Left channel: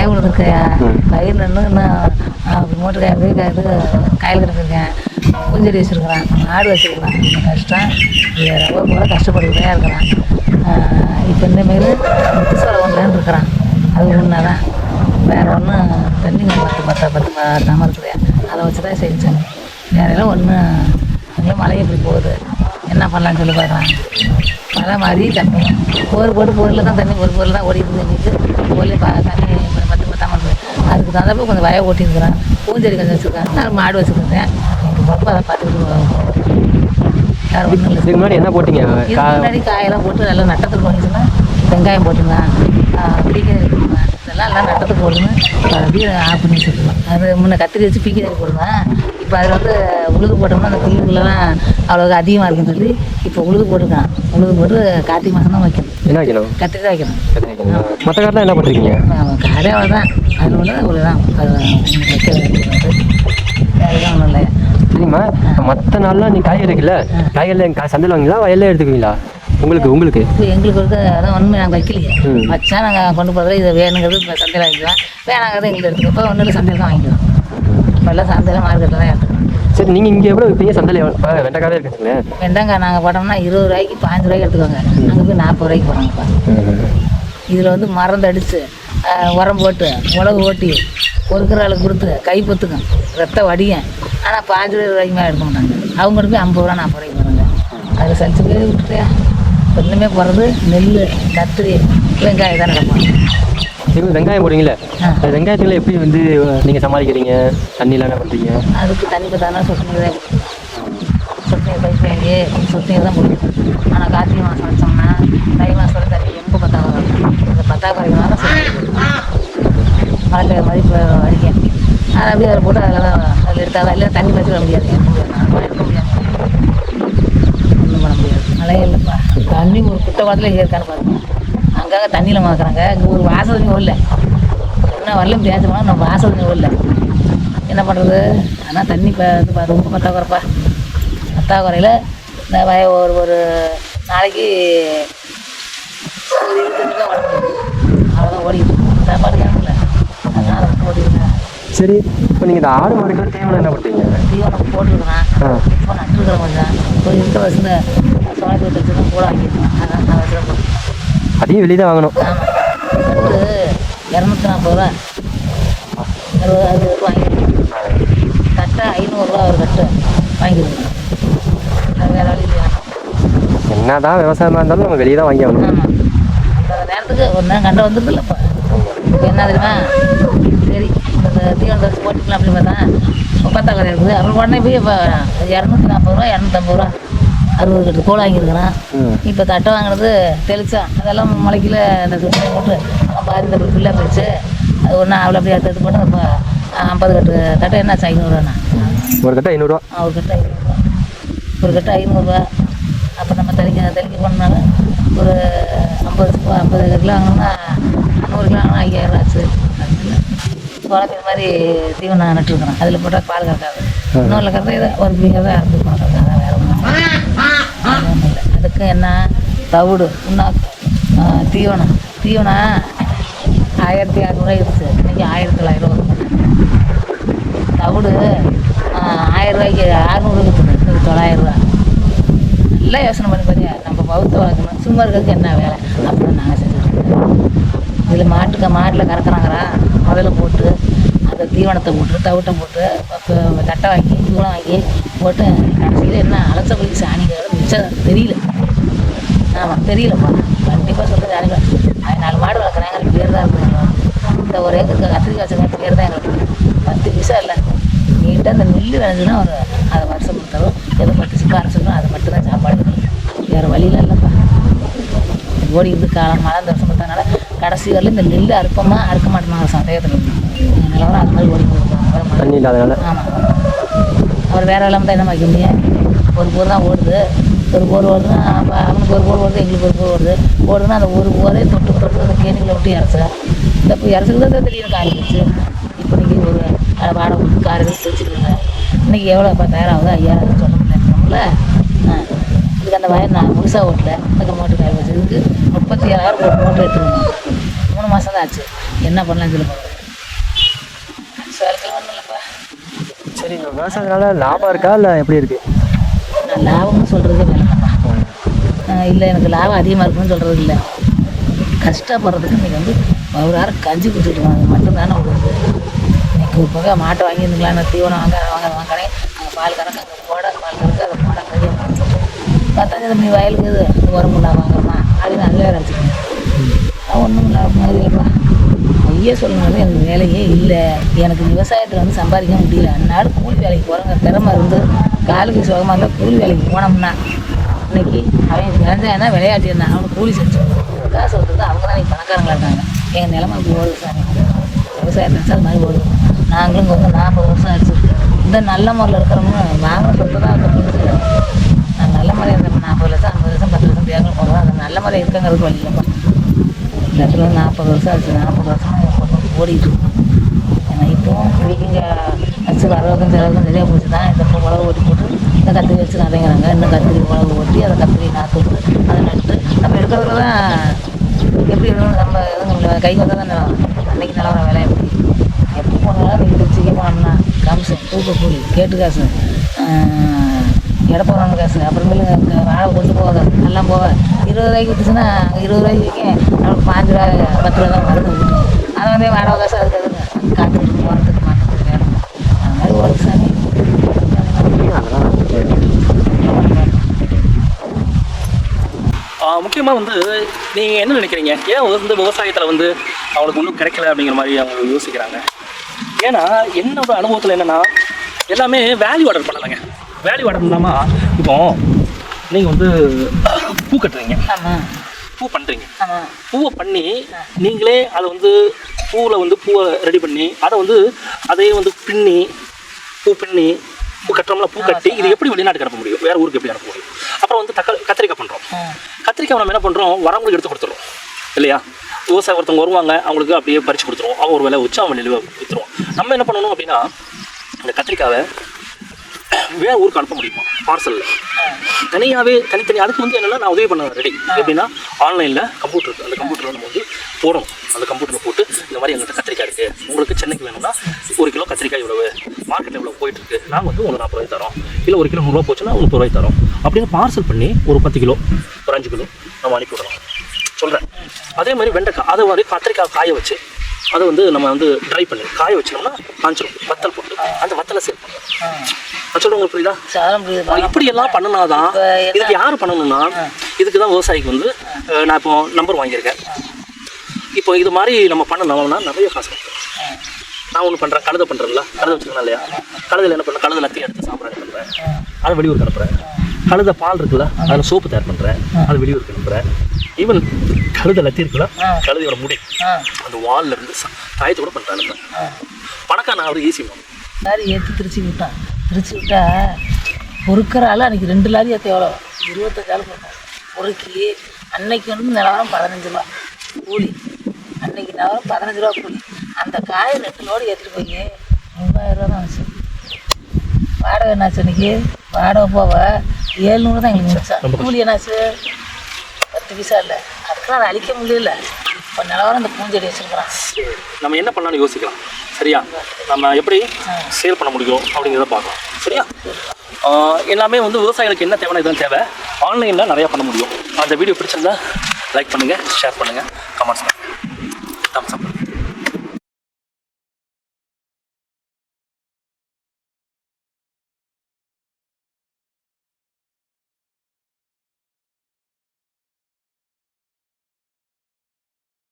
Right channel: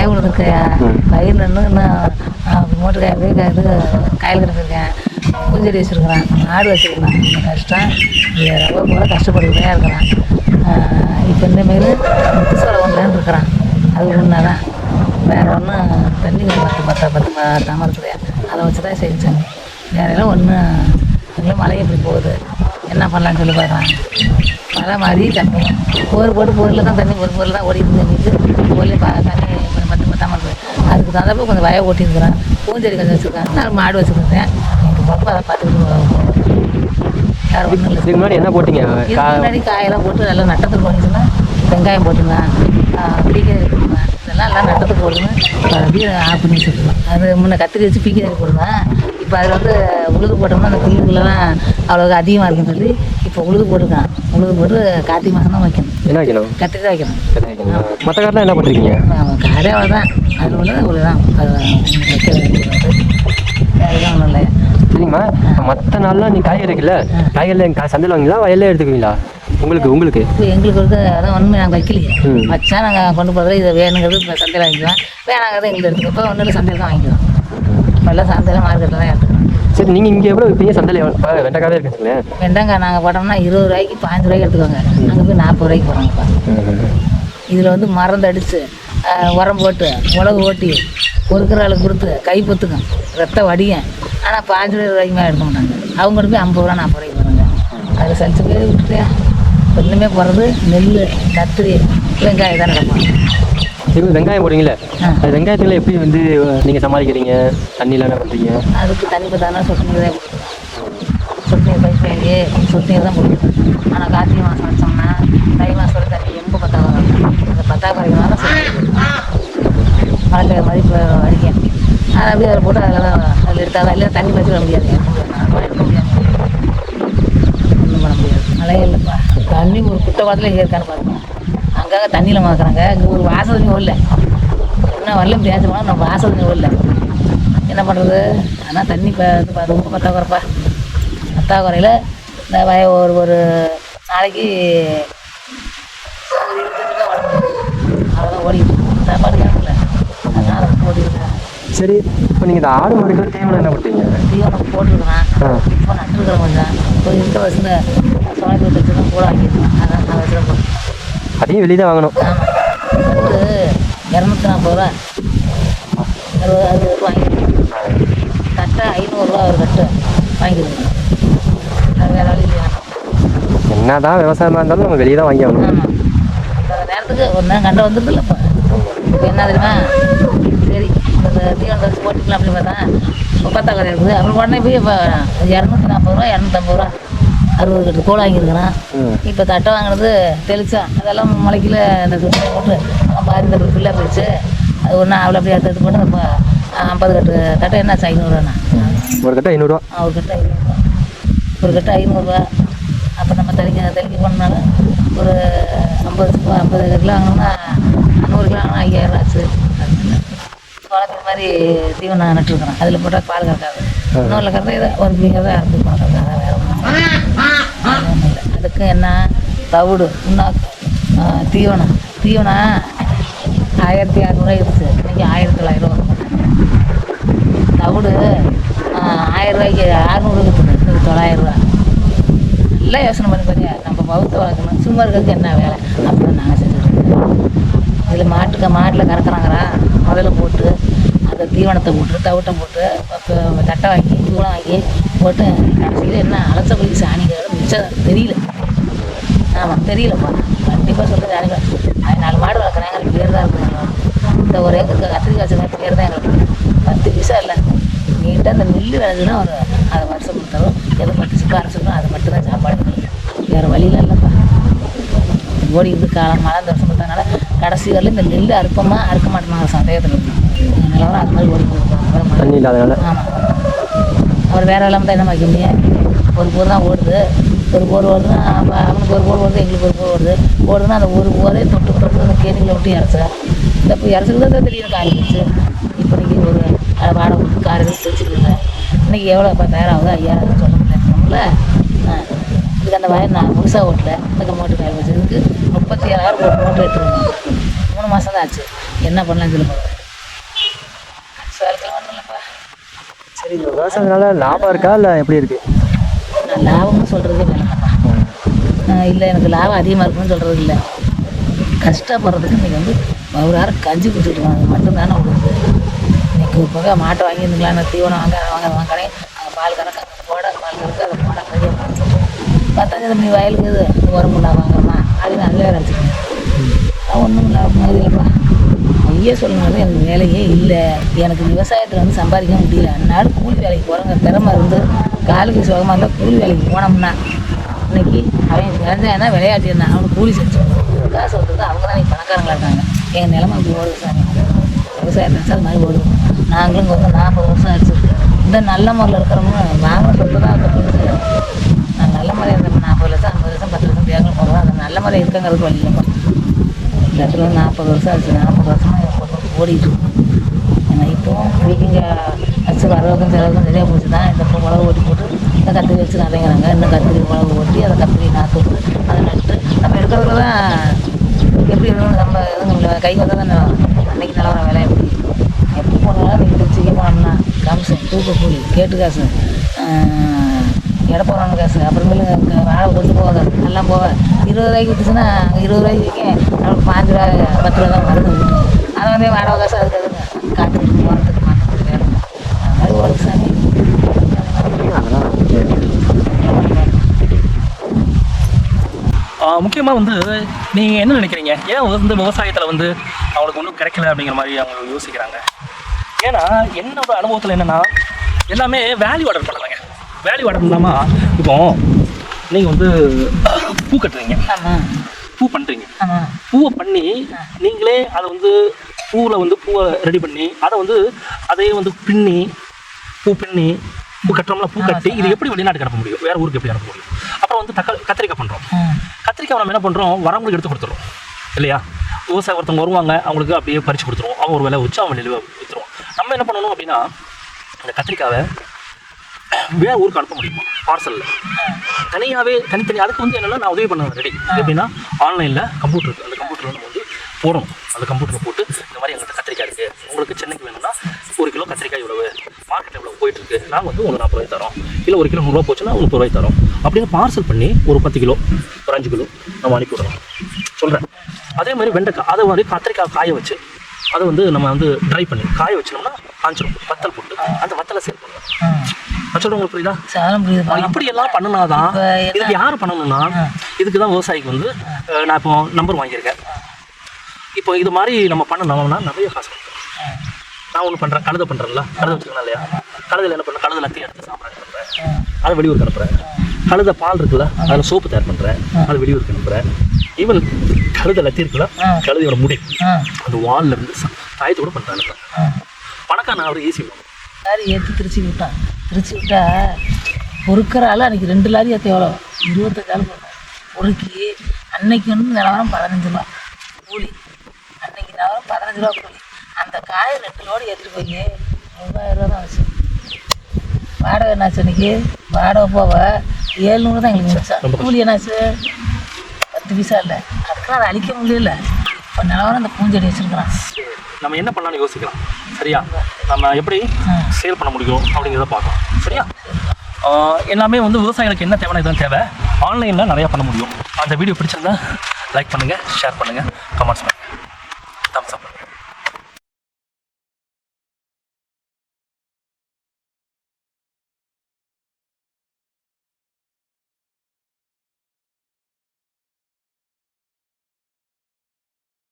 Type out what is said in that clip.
வய விழுந்துருக்கையா பயிர் நின்று இன்னும் மோட்டர் காய் வீடு இது காயில் கிடச்சிருக்கேன் பூஞ்செடி வச்சுருக்கேன் ஆடு வச்சுருக்கேன். வச்சுட்டேன் ரவை போல கஷ்டப்பட்டுக்கிட்டே இருக்கிறான். இப்போ இந்தமாரி முத்துசோலை ஒன்றுன்னு இருக்கிறான். அது ஒன்றா தான் வேறு ஒன்றும் தண்ணி பத்து பத்து பத்து மாட்டாமல் இருக்குது அதை வச்சு தான் செஞ்சாங்க வேறெல்லாம் ஒன்று இன்னும் மழைக்கிட்டு போகுது. என்ன பண்ணலான்னு சொல்லி பார்க்குறேன் மழை மாதிரி போர் போட்டு போரில் தான் தண்ணி ஒரு போரில் தான் ஓடிட்டு இருந்துச்சு போரில் தண்ணி பத்து பத்தாம அதுக்கு தகுந்த கொஞ்சம் வய ஓட்டியிருக்கிறேன் பூஞ்செடி கொஞ்சம் வச்சுருக்கேன். நான் மாடு வச்சுருக்கேன். ரொம்ப அதை இல்லை. இதுக்கு முன்னாடி என்ன போட்டீங்க? முன்னாடி காயெல்லாம் போட்டு எல்லாம் நட்டத்துக்கு போட்டுருந்தேன். வெங்காயம் அப்படியே எல்லாம் எல்லாம் நட்டத்துக்கு போட்டுருந்தேன். அப்படியே ஆஃப் பண்ணி வச்சுருக்கலாம் அது முன்ன கத்திரி வச்சு பீக்கி போடுவேன் இப்போ அதில் வந்து உழுது போட்டோம்னா அந்த புல்லுக்குள்ளலாம் அவ்வளோ அதிகமாக இருக்குன்னு சொல்லி இப்போ உழுது போட்டுருக்கான் உழுது போட்டு கார்த்திகை மாதம் தான் வைக்கணும். என்ன வைக்கணும். கத்திரி தான் வைக்கணும் மற்ற காட்டில் என்ன பண்ணுறீங்க அதே தான் அது. சரிம்மா மற்ற நாள்லாம் நீ காய் எடுக்கல? காய்கறியில் சந்தையில் வாங்கிங்களா வயலில் எடுத்துக்குவீங்களா? உங்களுக்கு உங்களுக்கு? எங்களுக்கு வந்து அதான் ஒன்றுமே நாங்கள் வைக்கல. வச்சா நாங்கள் கொண்டு போகிறது இது வேணுங்கிறது சந்தையில் வாங்கிக்கலாம். வேணாங்கிறது எங்களுக்கு இப்போ ஒன்றும் சந்தையில் தான் வாங்கிக்கலாம் இப்போல்லாம் சந்தையில் மார்க்கெட்டில் தான் சரி நீங்கள் இங்கே எவ்வளோ விற்பீங்க சந்தையில் வாங்க வெண்டைக்காய் இருக்குதுங்க வெண்டங்காய் நாங்கள் போட்டோம்னா இருபது ரூபாய்க்கு பாஞ்சு ரூபாய்க்கு எடுத்துக்கோங்க. நாங்கள் போய் நாற்பது ரூபாய்க்கு போடுறோங்கப்பா இதில் வந்து மருந்து அடித்து உரம் போட்டு மிளகு ஓட்டி ஆளுக்கு கொடுத்து கை பொத்துக்கும் ரத்த வடியும் ஆனால் பாஞ்சு ரூபாய்க்கு மேலே எடுக்க மாட்டாங்க. அவங்க போய் ஐம்பது ரூபா நாற்பது ரூபாய்க்கு போடுறாங்க. அதை சலிச்சுக்கே விட்டுட்டேன் ரெண்டுமே போடுறது நெல் கத்திரி வெங்காயம் தான் நடப்பாங்க சரி வெங்காயம். அது வெங்காயத்தில் எப்படி வந்து நீங்கள் சமாளிக்கிறீங்க? தண்ணியில் என்ன பண்ணுறீங்க அதுக்கு தண்ணி பத்தானா சொட்டு சொட்டு தான் கொடுக்கும் ஆனால் கார்த்திகை மாதம் வச்சோம்னா தை மாதம் தண்ணி ரொம்ப பத்தாது மழை மதிப்பு வடிக்கும் அதை அப்படியே அதை போட்டு அதில் தான் அதில் இருக்காது? இல்லை தண்ணி வச்சுக்க முடியாது. தண்ணி ஒரு குட்டை குளத்தில் இங்கே இருக்காங்க அங்கங்கே தண்ணியில் வைக்கிறாங்க இங்கே ஒரு வாசல் இல்லை. என்ன வரலும் பேசுவோம் நம்ம வாசல் இல்லை. என்ன பண்ணுறது ஆனால் தண்ணி இப்போ ரொம்ப பத்தாக்குறப்பா பத்தாக்குறையில் நான் வய- ஒரு ஒரு நாளைக்கு. சரி இப்போ நீங்கள் இந்த ஆடு மாடு தேவை என்ன பண்ணுறீங்க தீவனம் போட்டுருக்குறேன். இப்போ நட்டுருக்குறேன் கொஞ்சம். கொஞ்சம் இந்த வச்சுன்னு சோழத்தை வச்சுருக்கேன் கூட வாங்கிருக்கேன் அதான் நான் வச்சுருக்கேன் அதையும் வெளியே தான் வாங்கணும். இரநூத்தி நாற்பது ரூபா. கட்டை ஐநூறுரூவா ஒரு கட்டு. இல்லை என்ன தான் விவசாயமாக இருந்தாலும் நம்ம வெளியே தான் வாங்கி ஆகணும். என்ன தெரியுமா? சரி போட்டுக்கலாம் அப்படின்னு பார்த்தா முப்பத்தா இருக்குது. உடனே போய் இரநூத்தி நாற்பது ரூபா இரநூத்தம்பது ரூபா. அறுபது கட்டு கூட வாங்கியிருக்கிறான் இப்போ தட்டை வாங்கினது தெளிச்சா. அதெல்லாம் முளைக்கல போட்டு பாதி கட்டு ஃபுல்லாக போயிடுச்சு. அது ஒன்றா அவ்வளோ அப்படியே எடுத்து எடுத்து போட்டு இப்போ ஐம்பது கட்டு தட்டை என்னாச்சு? ஐநூறுவாண்ணா ஒரு கட்டை ஐநூறுரூவா ஒரு கட்டு ஐநூறுரூவா ஒரு கட்டு ஐநூறுரூவா அப்போ நம்ம தெளிக்க தெளிக்க பண்ணாலும் ஒரு ஐம்பது ஐம்பது கிலோ வாங்கினோம்னா நூறு கிலோ வாங்கினா ஐயாயிரம் ஆச்சு. குழந்தை மாதிரி தீவனம் நட்டுருக்குறோம் அதில் போட்டால் பால் கட்டாது. இன்னொரு ஏதோ ஒரு பிள்ளைங்க தான் இறந்துருக்காங்க அதான் வேற ஒண்ணும் இதுக்கு என்ன தவிடு. தீவனம். தீவனம் ஆயிரத்தி அறநூறுவா இருந்துச்சு. இன்னைக்கு ஆயிரத்தி தொள்ளாயிரம் தவிடு? தொள்ளாயிரம் நல்லா யோசனை பண்ணி பாருங்க. நம்ம பௌத்த வளர்த்து சும்மா என்ன வேலை? அப்படின்னு நாங்கள் சொல்லுவோம் இதில் மாட்டுக்கு மாட்டில் கருத்துனாங்கன்னா முதல்ல போட்டு அந்த தீவனத்தை போட்டு தவிட்டை போட்டு தட்டை வாங்கி தூளம் வாங்கி போட்டு கடைசியில் என்ன அலச போய் சாணி மிச்சம் தெரியல. தெரியலப்பா. கண்டிப்பாக சொல்கிறது அது நாலு மாடு வளர்க்குறாங்க அதுக்கு பேர் தான் இருக்கிறாங்க இந்த ஒரு ஏக்கருக்கு கத்திரிக்காய் பேர் தான் எனக்கு. பத்து பைசா இல்லை. நீட்டாக அந்த நெல் வேணுச்சுன்னா ஒரு அதை வருஷம் கொடுத்தாலும் எதை பட்டு சும்மா அரைச்சிருக்கோம் அது மட்டும் தான் சாப்பாடு வேறு வழியெல்லாம் இல்லைப்பா. ஓடி இருந்து காலம் மழை வருஷம் பார்த்தனால கடைசி வரல இந்த நெல் அறுப்பமாக அறுக்க மாட்டேங்குது சந்தேகத்தில் அதனால அந்த மாதிரி ஓடி போயிருக்காங்க ஒரு வேற எல்லாம் தான் என்ன வைக்கீங்க ஒரு போர் தான் ஓடுது. ஒரு போர் ஓடுது. ஒரு நாள் ஒரு போர் தொட்டு தொட்டு கேட்டுக்குள்ள விட்டு இறச்சேன் இந்த இப்போ இறச்சுக்கு தான் தெரியும் காரி வச்சு இப்போ ஒரு அரை வாரம் விட்டு காரி வச்சு வச்சுருக்கேன் இன்னைக்கு எவ்வளோ பத்தாயிரம் ஆகும் ஐயா இல்லை இதுக்கு அந்த வயல் நான் முழுசாக ஓட்டல இது மூட்டு கை முப்பத்தி ஆறு ஒரு மூட்டை எடுத்துருவேன் மூணு மாதம் தான் ஆச்சு என்ன பண்ணலாம் சொல்லுங்க சரி இந்த விவசாயத்தினால லாபம் இருக்கா? இல்லை எப்படி இருக்கு? லாபம்னு சொல்கிறது வேணாம்ப்பா இல்லை எனக்கு லாபம் அதிகமாக இருக்கும்னு சொல்கிறது இல்லை. கஷ்டப்படுறதுக்கு இன்றைக்கி வந்து ஒரு வாரம் கஞ்சி குடிச்சிட்டு இருக்காங்க. மட்டும் தானே ஒரு இப்போ மாட்டை வாங்கி நிலையான தீவனம் வாங்க வாங்க வாங்கினேன் அந்த பால் கறக்க அந்த போட பால் கறக்க அதை போட. பார்த்தாங்க நீ வயலுக்கு இது. ஒரு இல்லாம வாங்கணுமா அப்படின்னு அங்கேயே வச்சுக்கோங்க ஒன்றும் லாபம் முடியுமா ஐயா சொல்லணும் எனக்கு வேலையே இல்லை. எனக்கு விவசாயத்தில் வந்து சம்பாதிக்க முடியல. அன்னாலும் கூலி வேலைக்கு போகிறவங்க திறமை இருந்து காலுக்கு சுகமாக இருந்தால் கூலி வேலைக்கு போனோம்னா இன்னைக்கு அவன் வேண்டாம் தான் விளையாட்டு இருந்தான் அவனுக்கு கூலி செஞ்சோம் காசு வந்து அவங்க தான் பணக்காரங்களா இருக்காங்க என் நிலமை அப்படி விவசாயம் நாங்களும் நாற்பது வருஷம் ஆச்சு இந்த நல்ல முறையில் இருக்கிறவங்க நாங்களும் தொட்டு தான் நான் நல்ல முறையில் இருக்கிற நாற்பது லட்சம் ஐம்பது லட்சம் பத்து லட்சம் பேங்கில் போடுவோம் அந்த நல்ல முறை இருக்கங்கிறது வழி இல்லைப்பா இடத்துல நாற்பது வருஷம் ஆச்சு நாற்பது வருஷமாக என் ஓடிட்டு இப்போ இன்னைக்கு அச்சு வரவுக்கும் செலவுக்கும் சரியாக போச்சு தான் இந்த மிளகு ஓடி போட்டு இந்த என்ன வச்சு நதைங்கிறாங்க அந்த கம்பெனி நாட்டு நம்ம இருக்கிறதெல்லாம் நம்ம கை தான் அன்னைக்கு நிலவர வேலை. எப்படி எப்படி போனா ரெண்டு லட்சம் வாங்கலாம் கம்சம் தூக்க கேட்டு காசு. எடுப்பாங்க காசு. அப்புறமேல வாழை கொண்டு போகாத நல்லா போவேன் இருபது ரூபாய்க்கு விற்றுச்சுன்னா இருபது ரூபாய்க்கு விற்கும் பாஞ்சு ரூபாய் பத்து ரூபா வரணும். அதை வந்து வாடகை காசு அதுக்கு அதுக்கு காட்டுக்கு போகிறதுக்கு மாட்டுறதுக்கு அது மாதிரி ஒரு வருஷம் முக்கியமாக வந்து நீங்கள் என்ன நினைக்கிறீங்க? ஏன் வந்து விவசாயத்தில் வந்து அவனுக்கு ஒன்றும் கிடைக்கல அப்படிங்கிற மாதிரி அவங்க யோசிக்கிறாங்க? ஏன்னா என்னோட அனுபவத்தில் என்னென்னா எல்லாமே வேல்யூ ஆர்டர் பண்ணலைங்க வேல்யூ ஆர்டர் இல்லாமல் இப்போ நீங்கள் வந்து பூ கட்டுறீங்க. பூ பண்ணுறீங்க பூவை பண்ணி நீங்களே அதை வந்து பூவில் வந்து பூவை ரெடி பண்ணி அதை வந்து அதையே வந்து பின்னி பூ பின்னி பூ கட்டுறோம்ல பூ கட்டி இது எப்படி வெளிநாட்டுக்கு அனுப்ப முடியும்? வேற ஊருக்கு எப்படி அனுப்ப முடியும்? அப்புறம் வந்து தக்காளி கத்திரிக்காய் பண்ணுறோம் கத்திரிக்காய் நம்ம என்ன பண்ணுறோம் வரவங்களுக்கு எடுத்து கொடுத்துருவோம். இல்லையா? விவசாயம் ஒருத்தவங்க வருவாங்க அவங்களுக்கு அப்படியே பறித்து கொடுத்துருவோம். அவன் ஒரு விலை வச்சு அவன் நிலுவை விற்றுருவோம் நம்ம என்ன பண்ணணும் அப்படின்னா அந்த கத்திரிக்காவை வேற ஊருக்கு அனுப்ப முடியுமா? பார்சலில் தனியாகவே தனித்தனி அதுக்கு வந்து என்னென்னா நான் உதவி பண்ணுவேன் ரெடி எப்படின்னா ஆன்லைனில் கம்ப்யூட்டர் இருக்குது அந்த கம்ப்யூட்டர் நம்ம வந்து போடும் அந்த கம்ப்யூட்டரில் போட்டு இந்த மாதிரி எங்கள்கிட்ட கத்திரிக்காய் இருக்குது உங்களுக்கு சென்னைக்கு வேணும்னா ஒரு கிலோ கத்திரிக்காய் இவ்வளவு மார்க்கெட்டில் இவ்வளோ போயிட்டு இருக்கு நாங்கள் வந்து ஒரு நாற்பது ரூபாய் தரோம். இல்லை ஒரு கிலோ நூறு போச்சுன்னா முப்பது ரூபாய் தரோம். அப்படின்னு பார்சல் பண்ணி ஒரு பத்து கிலோ ஒரு அஞ்சு கிலோ நம்ம அனுப்பி விடலாம். சொல்கிறேன் அதே மாதிரி வெண்டைக்காய் அதை வந்து கத்திரிக்காய் காய வச்சு அதை வந்து நம்ம வந்து ட்ரை பண்ணி காய வச்சோம்னா காஞ்சல் வத்தல் போட்டு அந்த வத்தலை சேல் பண்ணலாம். உங்களுக்கு புரியுதா? இப்படி எல்லாம் பண்ணனாதான் இப்ப இதுக்கு யார் பண்ணணும்னா இதுக்கு தான் விவசாயிக்கு வந்து நான் இப்போ நம்பர் வாங்கியிருக்கேன். இப்போ இது மாதிரி நம்ம பண்ணணும்னா நிறைய காசு நான் ஒன்று பண்ணுறேன் கழுதை பண்ணுறேன்ல கழுதை வச்சுருக்கேன் இல்லையா? கழுதையில் என்ன பண்ணுறேன் கழுதை லத்தி எடுத்து சாப்பிட்றேன் பண்ணுறேன் அதை வெளியூருக்கு அனுப்புகிறேன் கழுத பால் இருக்குல்ல அதில் சோப்பு தயார் பண்ணுறேன் அதை வெளியூருக்கு அனுப்புகிறேன் ஈவன் கழுத லத்தி இருக்குல்ல கழுதையோட முடி. அந்த வாலில் இருந்து காயத்தோட பண்ணுறாங்க பணக்கார நான் அவர் ஈஸி லாரி ஏற்றி திருச்சி விட்டான். திருச்சி விட்டா பொறுக்கிற ஆள் அன்றைக்கி ரெண்டு லாரி ஏற்ற எவ்வளோ இருபத்தஞ்சு பொறுக்கி அன்னைக்கு வந்து நிலம் பதினஞ்சு ரூபா கூலி. அன்னைக்கு நிலவரம் பதினஞ்சு ரூபா கூலி அந்த காயை ரெண்டு லோடு ஏற்றிட்டு போய் மூவாயிரம் ரூபா தான் ஆச்சு. வாடகை என்னாச்சு இன்னைக்கு வாடகை போக ஏழ்நூறு தான் எங்களுக்கு கூலி என்னாச்சு? பத்து பைசா இல்லை. அக்கா அதை அழிக்க முடியல. இப்போ நிலவரம் அந்த பூஞ்செடி வச்சுருக்குறான். நம்ம என்ன பண்ணலாம்னு யோசிக்கிறோம் சரியா? நம்ம எப்படி சேல் பண்ண முடியும் அப்படிங்கிறத பார்ப்போம். சரியா? எல்லாமே வந்து விவசாயிகளுக்கு என்ன தேவை இதான் தேவை. ஆன்லைனில் நிறையா பண்ண முடியும். அந்த வீடியோ பிடிச்சிருந்தா லைக் பண்ணுங்கள் ஷேர் பண்ணுங்கள் கமெண்ட்ஸ் பண்ணுங்கள்